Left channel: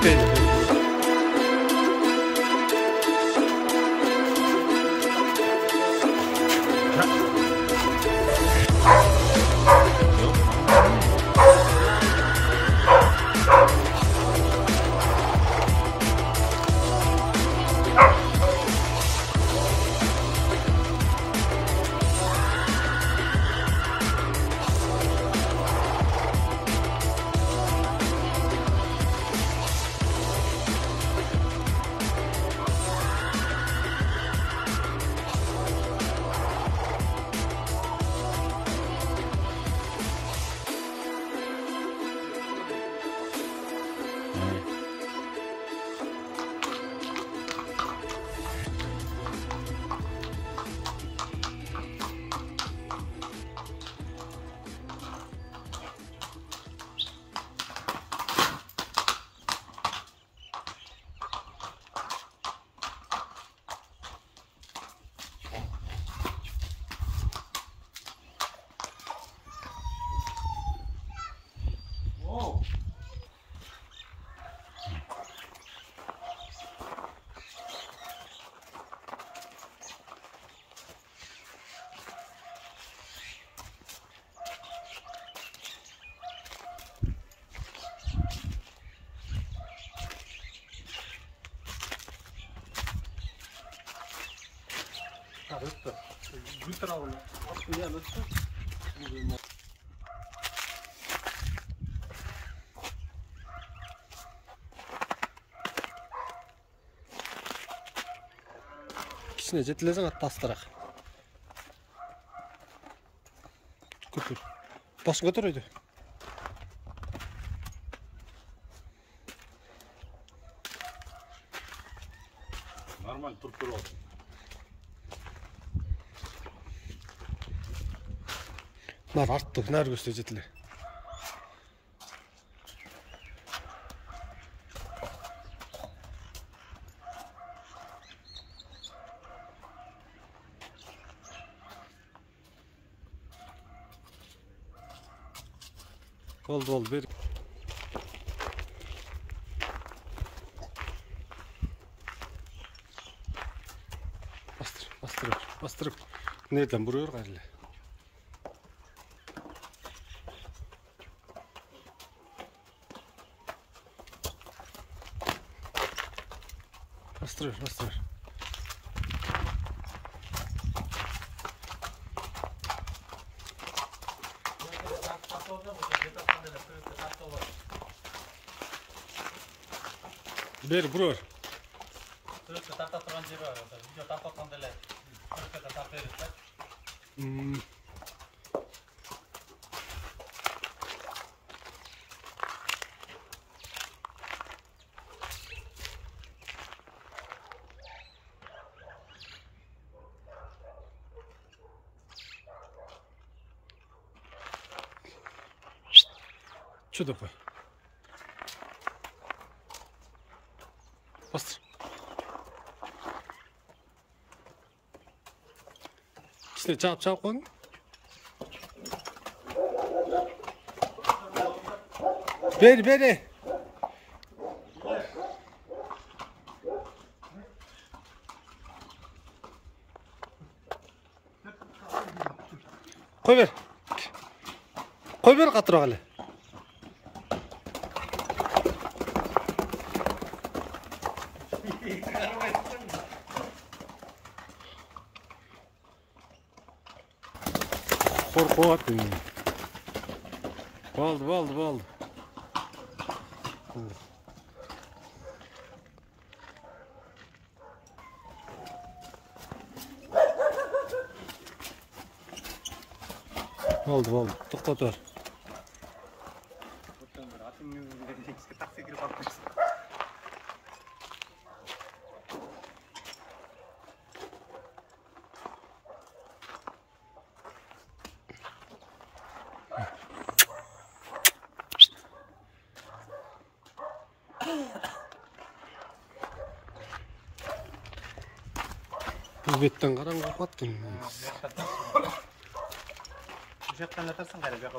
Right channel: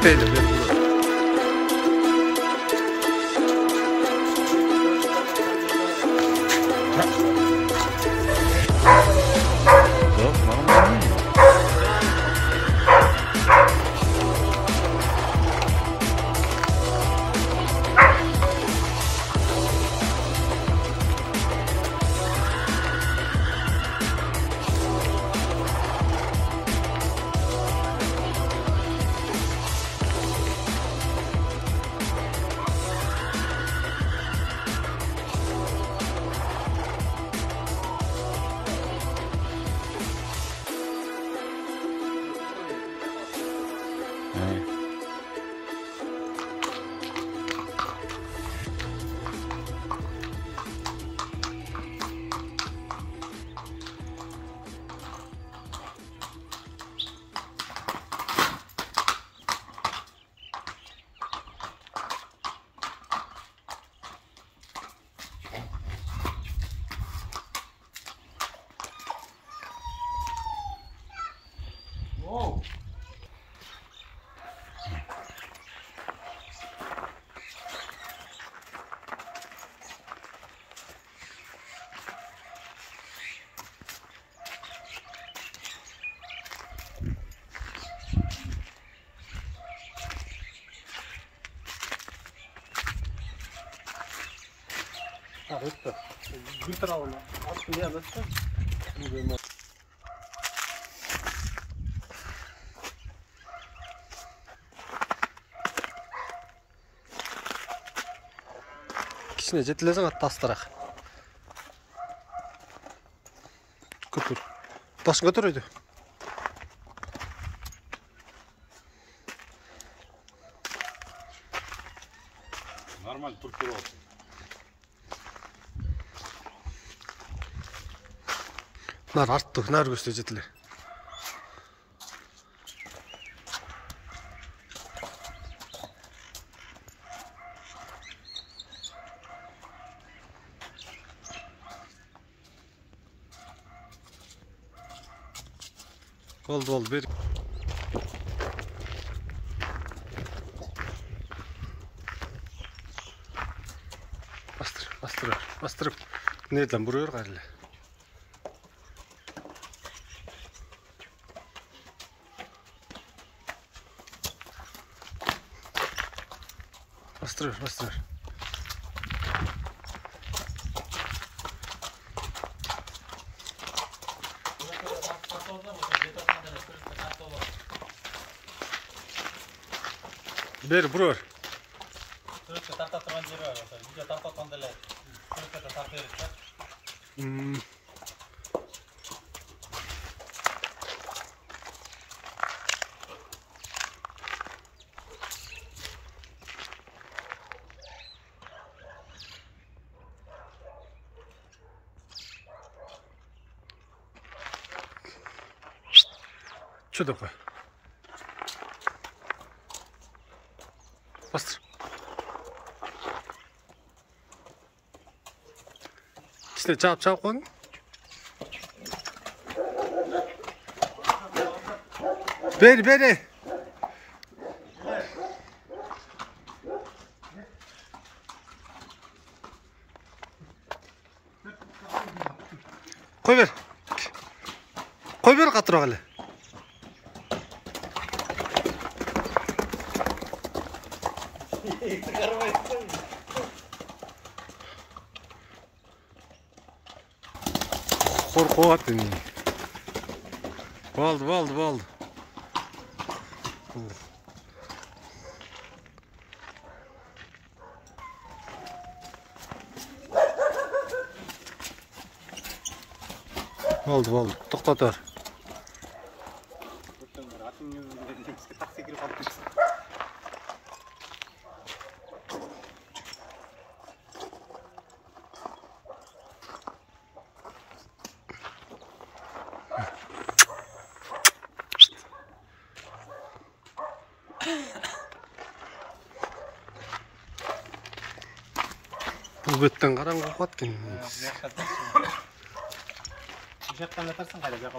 Bitpeydi. Wow. Литрально. Я достал. Кішіне жетілесің атты астырақ. Көтір. Тасын көтір өйді. Нормально тұрып алды. Нар артты, нар көсте жетіле. Oldu bir. Bastırıp. Nereden vuruyor galiba? Bastırıyor. Бер, бұрыр. Түрікті тартатырған жері бар. Видео тартатқанда түрікті тарта береді. Что такое? Bastır. İşte çap koyun. Beri. Koy ver katıra gale. Korku attın. Valdı. Valdı. Toxtatır. Bu bötten karan kokatken. Bu jaqdan atarsan qara, bu yoqqa